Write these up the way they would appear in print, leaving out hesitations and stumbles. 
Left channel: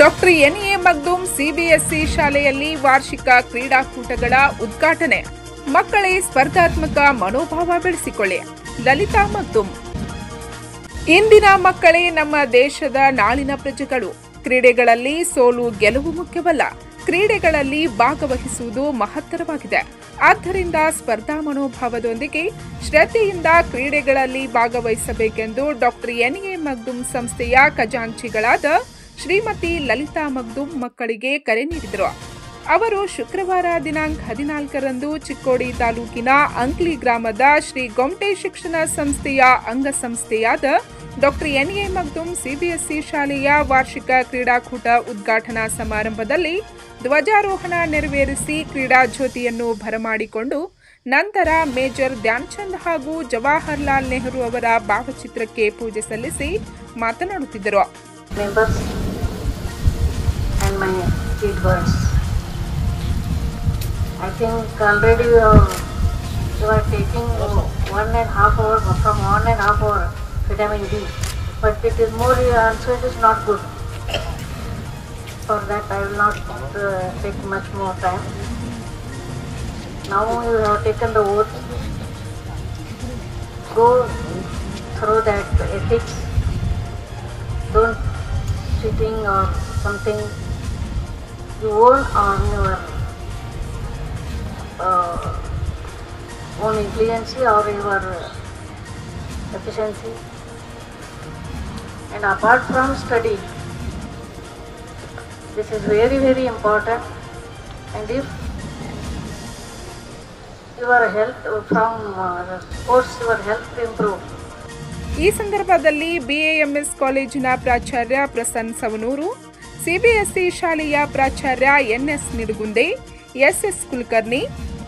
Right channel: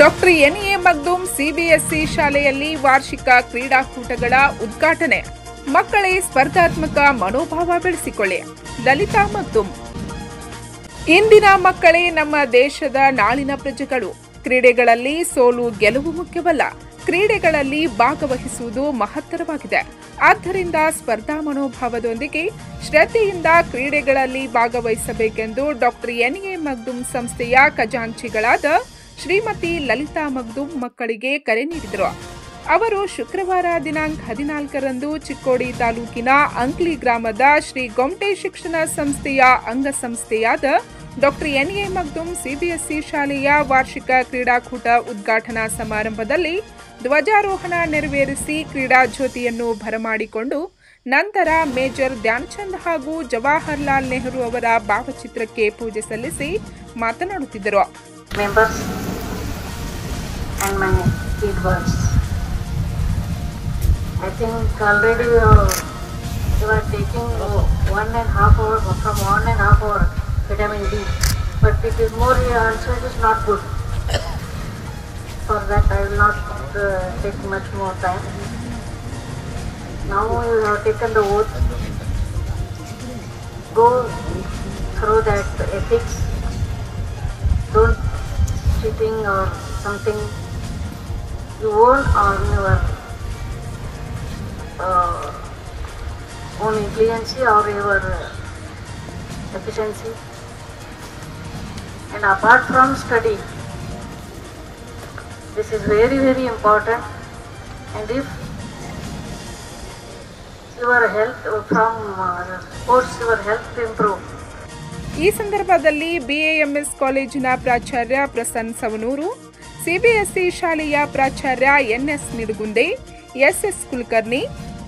Doctor N A Magdum CBSE ಶಾಲೆಯಲ್ಲಿ ವಾರ್ಷಿಕ ಕ್ರೀಡಾಕೂಟಗಳ ಉದ್ಘಾಟನೆ. ಮಕ್ಕಳೇ ಸ್ಪರ್ಧಾತ್ಮಕ ಮನೋಭಾವ ಬೆಳೆಸಿಕೊಳ್ಳಿ. ಲಲಿತಾ ಮಗ್ದೂಮ್. ಇಂದಿನ ಮಕ್ಕಳೇ ನಮ್ಮ ದೇಶದ ನಾಳಿನ ಪ್ರಜೆಗಳು. ಕ್ರೀಡೆಗಳಲ್ಲಿ ಸೋಲು ಗೆಲುವು ಮುಖ್ಯವಲ್ಲ, ಕ್ರೀಡೆಗಳಲ್ಲಿ ಭಾಗವಹಿಸುವುದು ಮಹತ್ತರವಾಗಿದೆ. ಆದ್ದರಿಂದ ಸ್ಪರ್ಧಾ ಮನೋಭಾವದೊಂದಿಗೆ ಶ್ರದ್ಧೆಯಿಂದ ಕ್ರೀಡೆಗಳಲ್ಲಿ ಭಾಗವಹಿಸಬೇಕೆಂದು ಡಾಕ್ಟರ್ ಎನ್ಎ ಮಗ್ದೂಮ್ ಸಂಸ್ಥೆಯ ಖಜಾಂಚಿಗಳಾದ ಶ್ರೀಮತಿ ಲಲಿತಾ ಮಗ್ದೂಮ್ ಮಕ್ಕಳಿಗೆ ಕರೆ ನೀಡಿದರು. ಅವರು ಶುಕ್ರವಾರ ದಿನಾಂಕ 14ರಂದು ಚಿಕ್ಕೋಡಿ ತಾಲೂಕಿನ ಅಂಕ್ಲಿ ಗ್ರಾಮದ ಶ್ರೀ ಗೊಮ್ಟೆ ಶಿಕ್ಷಣ ಸಂಸ್ಥೆಯ ಅಂಗಸಂಸ್ಥೆಯಾದ ಡಾಕ್ಟರ್ ಎನ್ಎ ಮಗ್ದೂಮ್ ಸಿಬಿಎಸ್ಇ ಶಾಲೆಯ ವಾರ್ಷಿಕ ಕ್ರೀಡಾಕೂಟ ಉದ್ಘಾಟನಾ ಸಮಾರಂಭದಲ್ಲಿ ಧ್ವಜಾರೋಹಣ ನೆರವೇರಿಸಿ ಕ್ರೀಡಾ ಜ್ಯೋತಿಯನ್ನು ಬರಮಾಡಿಕೊಂಡು ನಂತರ ಮೇಜರ್ ಧ್ಯಾನ್ಚಂದ್ ಹಾಗೂ ಜವಾಹರ್ಲಾಲ್ ನೆಹರು ಅವರ ಭಾವಚಿತ್ರಕ್ಕೆ ಪೂಜೆ ಸಲ್ಲಿಸಿ ಮಾತನಾಡುತ್ತಿದ್ದರು. Members and my sweet words. I think already you are taking 1.5 hours from 1.5 hour vitamin D, but it is more also it is not good. For that I will not take much more time. Now you have taken the oath. Go through that ethics. Don't cheating or something you own on your own influence or your efficiency. And apart from study, this is very, very important. And if your health from sports, your health improve. ಈ ಸಂದರ್ಭದಲ್ಲಿ BAMS ಕಾಲೇಜಿನ ಪ್ರಾಚಾರ್ಯ Prasanna Savanur, CBSE ಶಾಲೆಯ ಪ್ರಾಚಾರ್ಯ N S ನಿಡುಗುಂದೆ, S S Kulkarni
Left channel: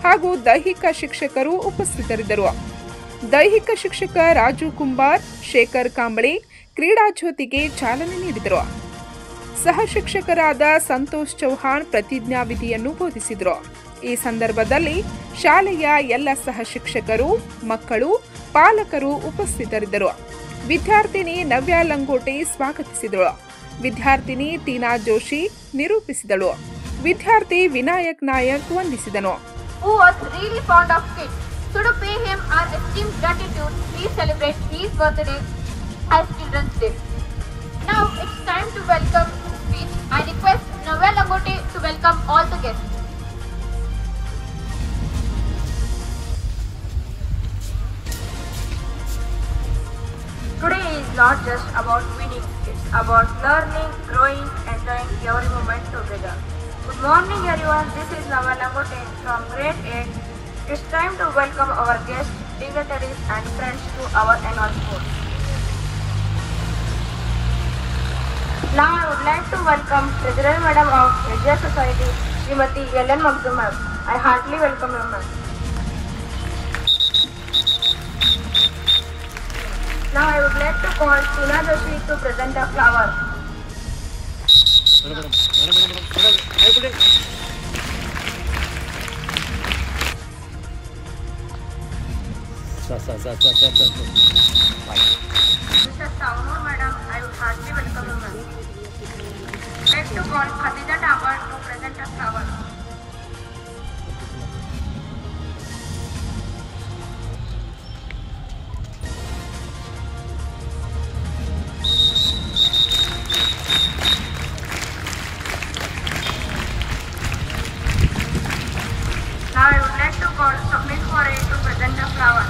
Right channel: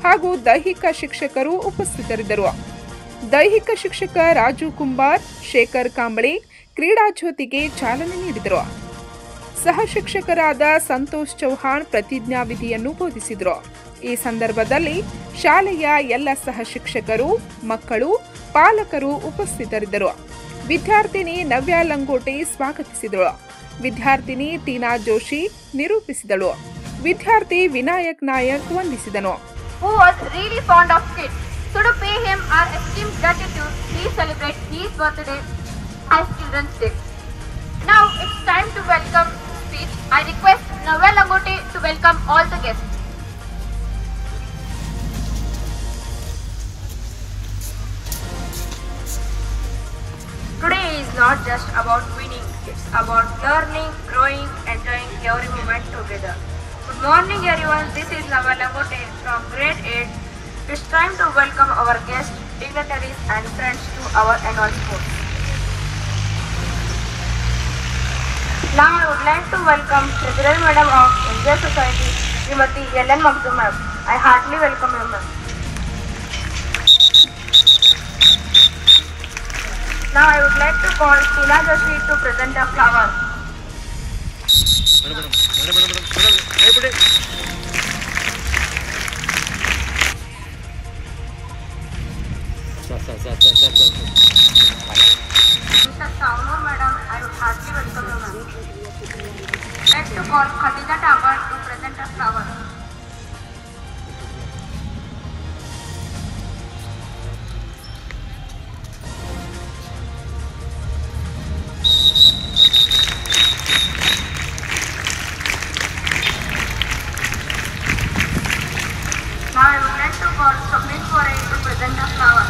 ಹಾಗೂ ದೈಹಿಕ ಶಿಕ್ಷಕರು ಉಪಸ್ಥಿತರಿದ್ದರು. ದೈಹಿಕ ಶಿಕ್ಷಕ ರಾಜು ಕುಂಬಾರ್, ಶೇಖರ್ ಕಾಂಬಳಿ ಕ್ರೀಡಾ ಜ್ಯೋತಿಗೆ ಚಾಲನೆ ನೀಡಿದರು. ಸಹ ಶಿಕ್ಷಕರಾದ ಸಂತೋಷ್ ಚೌಹಾಣ್ ಪ್ರತಿಜ್ಞಾವಿಧಿಯನ್ನು ಬೋಧಿಸಿದರು. ಈ ಸಂದರ್ಭದಲ್ಲಿ ಶಾಲೆಯ ಎಲ್ಲ ಸಹ ಶಿಕ್ಷಕರು, ಮಕ್ಕಳು, ಪಾಲಕರು ಉಪಸ್ಥಿತರಿದ್ದರು. ವಿದ್ಯಾರ್ಥಿನಿ ನವ್ಯ ಲಂಗೋಟೆ ಸ್ವಾಗತಿಸಿದಳು. ವಿದ್ಯಾರ್ಥಿನಿ ಟೀನಾ ಜೋಶಿ ನಿರೂಪಿಸಿದಳು. ವಿದ್ಯಾರ್ಥಿ ವಿನಾಯಕ್ ನಾಯಕ್ ವಂದಿಸಿದನು. Who was really fond of kids. So to pay him our esteemed gratitude, please celebrate his birthday as Children's Day. Now it's time to welcome speech. I request Navya Langote to welcome all the guests. Today is not just about winning, it's about learning, growing, enjoying every moment together. Good morning everyone, this is Navya Langote from grade 8. It's time to welcome our guests, dignitaries and friends to our annual sports. Now I would like to welcome President Madam of SJ Society, Srimati Ellen Magdum ma'am. I heartily welcome you ma'am. Now I would like to call Tina Joshi to present a flower. Mr. Saunur madam, I would heartily welcome you ma'am. I would like to call Khadija Tabar to present a flower. Now I would like to call Swapnil Foray to present the flower.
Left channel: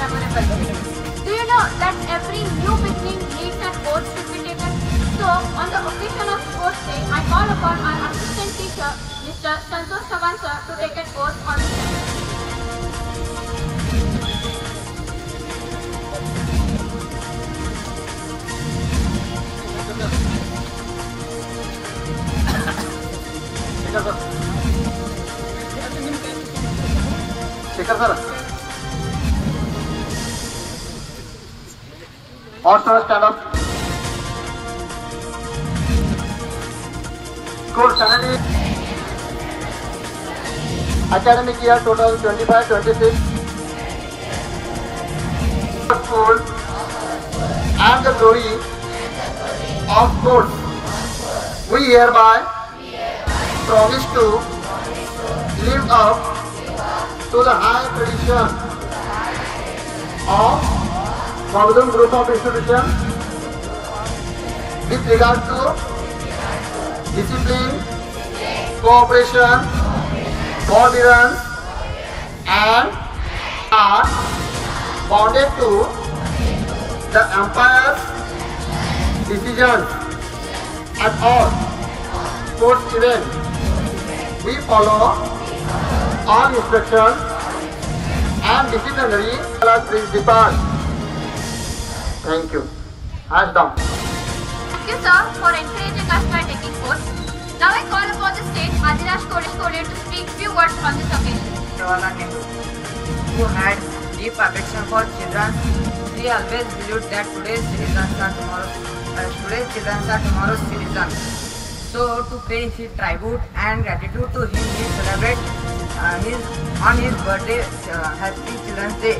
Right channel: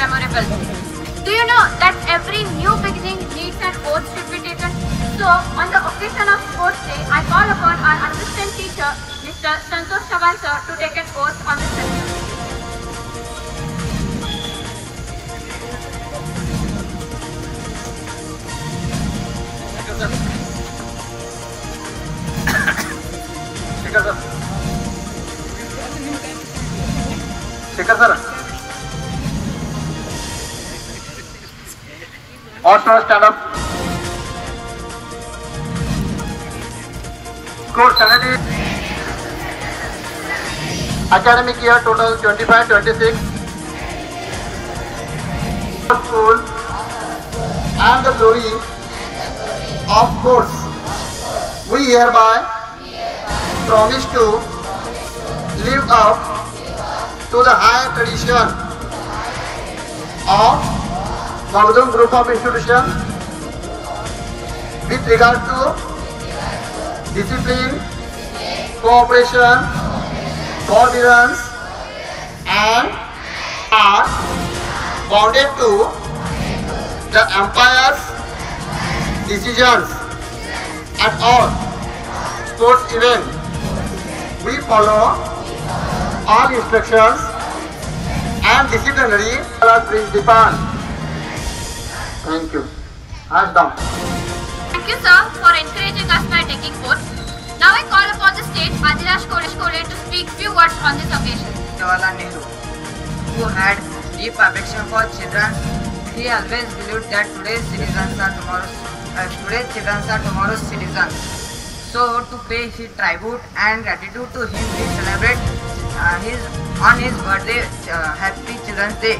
Memorable. Do you know that every new beginning needs an oath to be taken? So, on the occasion of Sports Day, I call upon our assistant teacher, Mr. Santosh Chavan sir, to take an oath on the session. Speaker sir. All sir, stand up. Score 70. Academic year total 25-26. School and the glory of course. We hereby promise to live up to the high tradition of Magadum Group of Institutions with regard to discipline, cooperation, forbearance, and are bounded to the empire's decisions at all sports events. We follow all instructions and disciplinary principles. Thank you. Hands down. Thank you, sir, for encouraging us by taking oath. Now I call upon the state Adirash Kole to speak few words on this occasion. Jawaharlal Nehru, who had deep affection for children, he always believed that today's children are tomorrow's citizens. So, to pay his tribute and gratitude to him, we celebrate on his birthday, Happy Children's Day.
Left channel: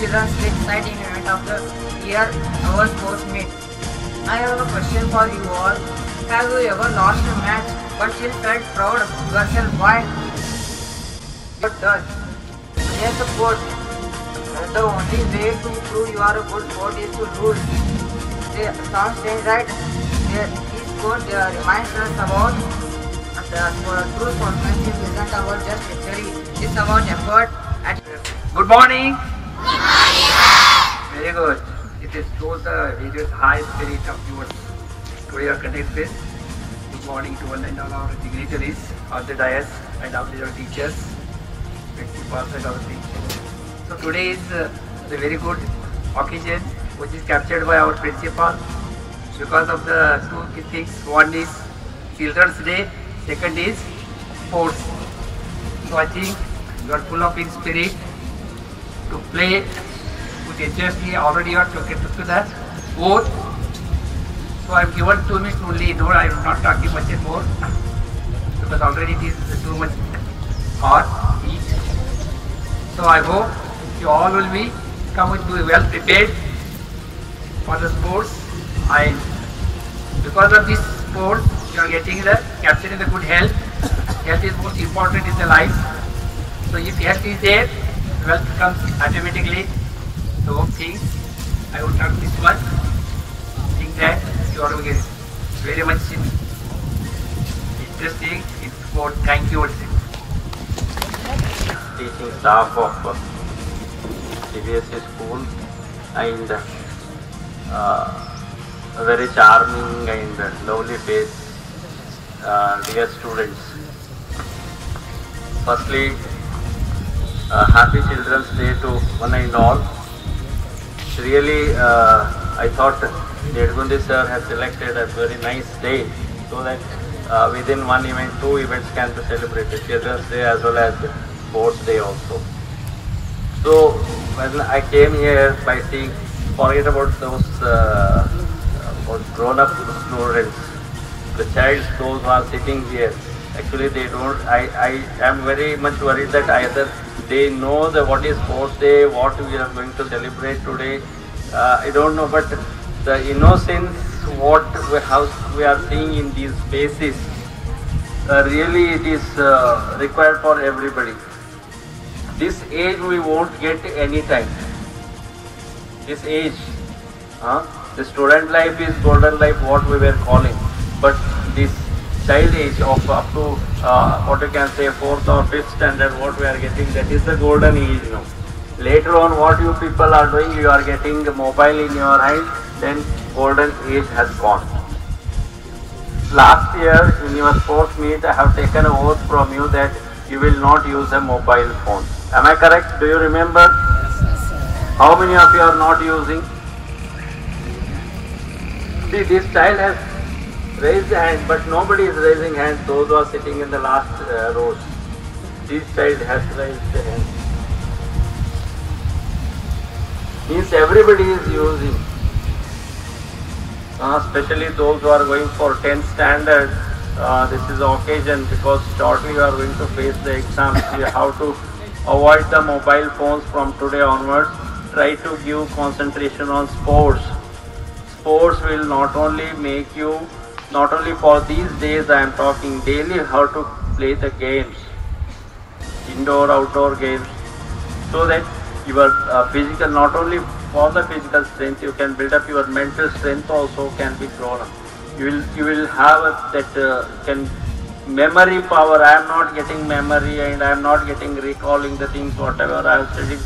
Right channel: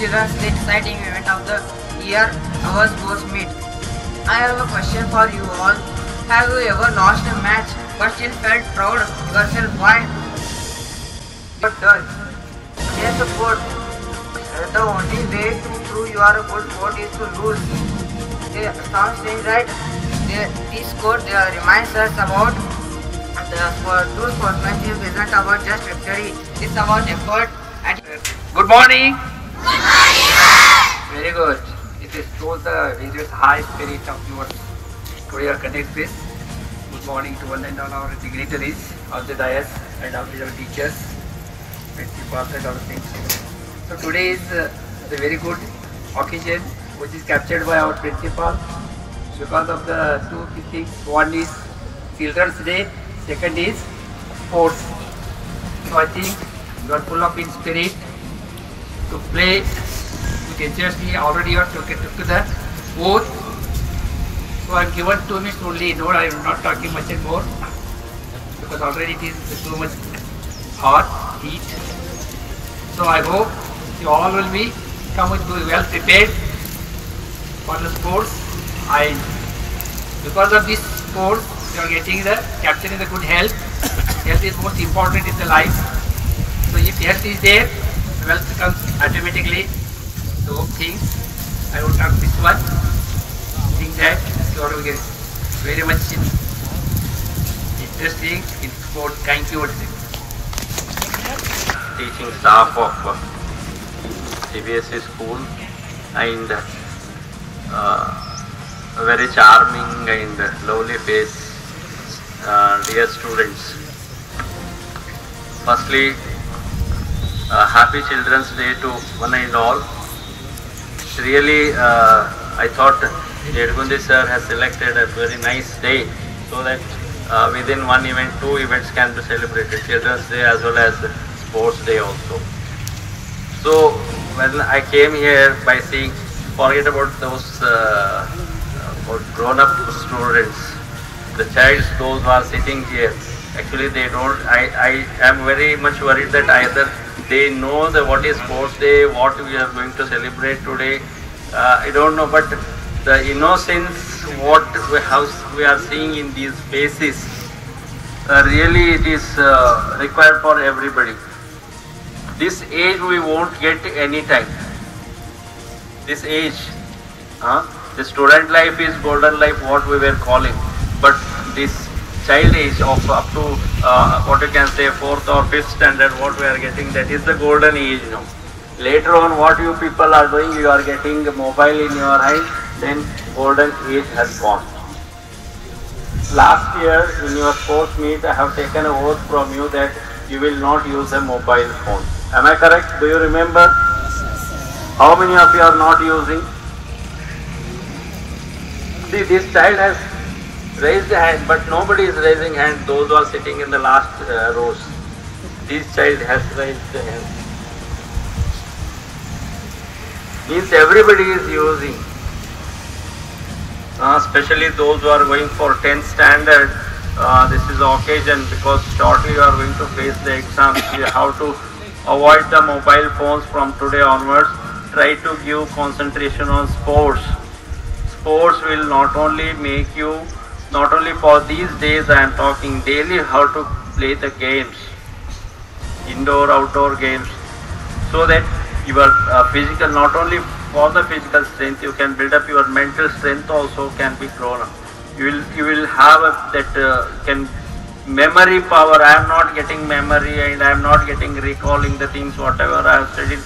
Children's Day, exciting event of the year, our sports meet. I have a question for you all. Have you ever lost a match but still felt proud of yourself? Why? But done. Yes, of course. The only way to prove you are a good sport is to lose. They sound strange, right? This sport reminds us about true sportsmanship isn't about just victory. It's about effort and. Good morning. Good morning. Very good. It shows the various high spirit of your career connect with. Good morning to all and all our dignitaries on the dais and our teachers, principals and other things. So today is a very good occasion which is captured by our principal because of the two key things. One is Children's Day, second is sports. So I think you are full of in spirit to play contentiously. Already you are took to the sport. So I am given 2 minutes only. No, I am not talking much more because already it is too much hot, heat. So I hope you all will be come with well prepared for the sports. Because of this sports, you are getting the capturing the good health. Health is most important in the life. So if health is there, wealth comes automatically. So things I would not this one. Think that you are very much interesting in sport. Thank you. teaching staff of CBSE school, and a very charming and lovely face, dear students. Firstly, happy Children's Day to one and all. Really, I thought Jedgundi sir has selected a very nice day so that within one event, two events can be celebrated, Children's Day as well as Sports Day also. So when I came here by seeing, forget about those grown-up students, the childs, those who are sitting here, actually they don't, I am very much worried that either they know what is Sports Day, what we are going to celebrate today, I don't know, but the innocence what we are seeing in these faces, really it is required for everybody. This age we won't get any time. This age, the student life is golden life, what we were calling, but this child age of up to what you can say 4th or 5th standard, what we are getting, that is the golden age now. Later on, what you people are doing, you are getting a mobile in your hand, then golden age has gone. Last year in your sports meet, I have taken an oath from you that you will not use a mobile phone. Am I correct? Do you remember? How many of you are not using? See, this child has raised a hand, but nobody is raising hand, those who are sitting in the last rows. This child has raised a hand. Means everybody is using. Especially those who are going for 10th standard, this is the occasion because shortly you are going to face the exams. You have to avoid the mobile phones from today onwards. Try to give concentration on sports. Sports will not only make you, not only for these days I am talking, daily how to play the games, indoor, outdoor games, so that your physical, not only for the physical strength, you can build up your mental strength also can be grown up. You will have that memory power. I am not getting memory and I am not getting recalling the things whatever I have studied.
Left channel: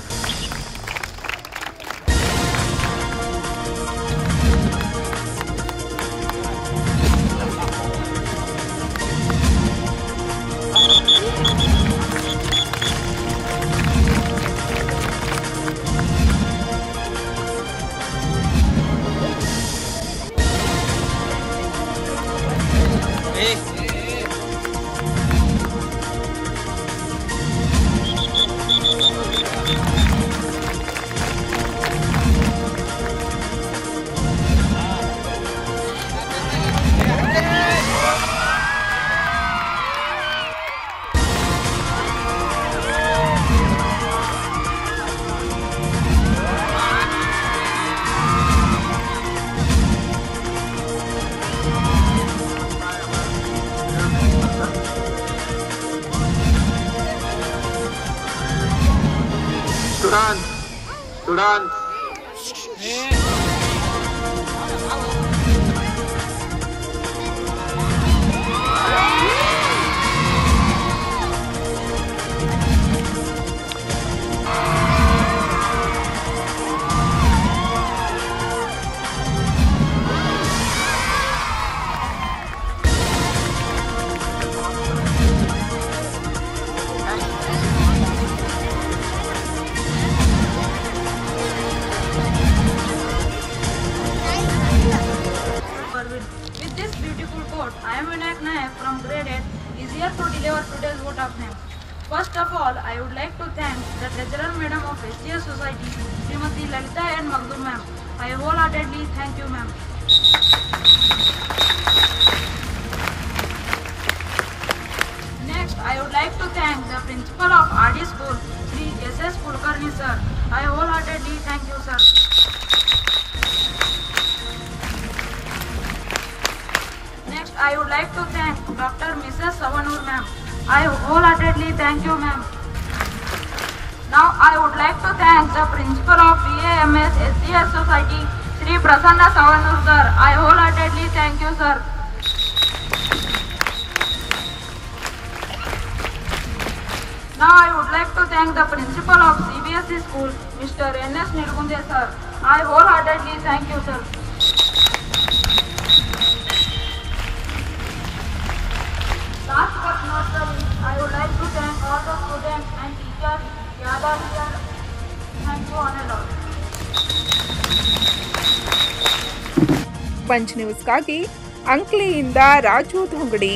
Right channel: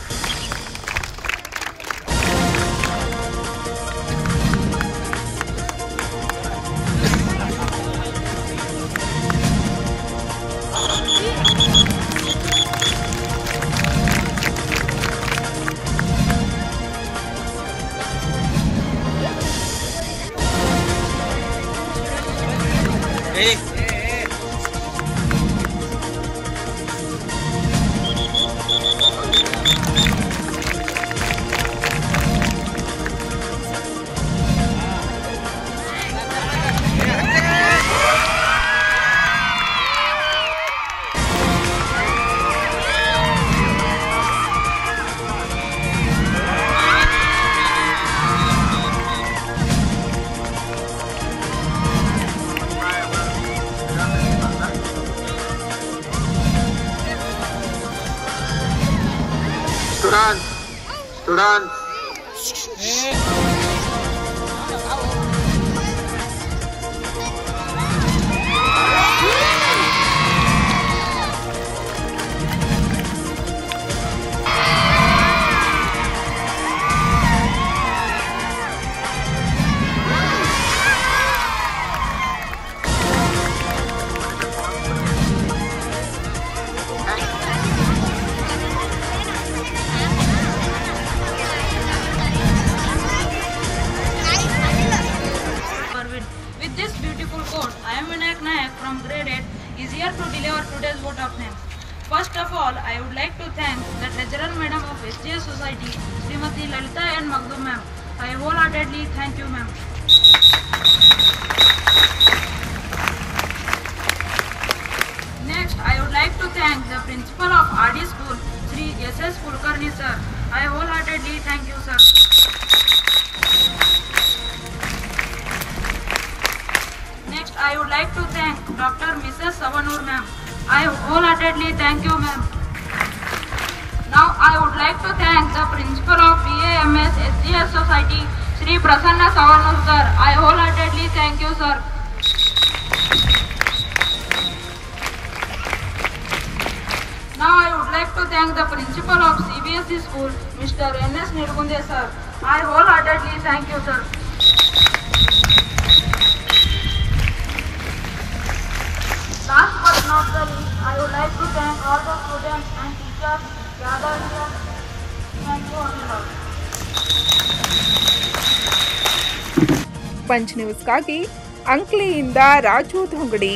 With this beautiful quote, I am Vinayak Nayak from grade 8 is here to deliver today's vote of thanks. First of all, I would like to thank the Treasurer Madam of SGS Society, Srimati Lalita and Magdur ma'am. I wholeheartedly thank you, ma'am. Next, I would like to thank the Principal of RD School, Sri S.S. Kulkarni sir. I wholeheartedly thank you, sir. Next, I would like to thank Dr. Mrs. Savanur ma'am. I wholeheartedly thank you, ma'am. Now, I would like to thank the Principal of BAMS SGS Society, Sri Prasanna Savanur sir. I wholeheartedly thank you, sir. Now, I would like to to thank the principal of CBSE school, Mr. N.S. Nidugunde sir. I wholeheartedly thank you, sir. Last but not the least, I would like to thank all the students and teachers gathered here. Thank you one and all. Punch ನ್ಯೂಸ್ಗಾಗಿ ಅಂಕ್ಲಿಯಿಂದ ರಾಜು ಧೊಂಗಡಿ.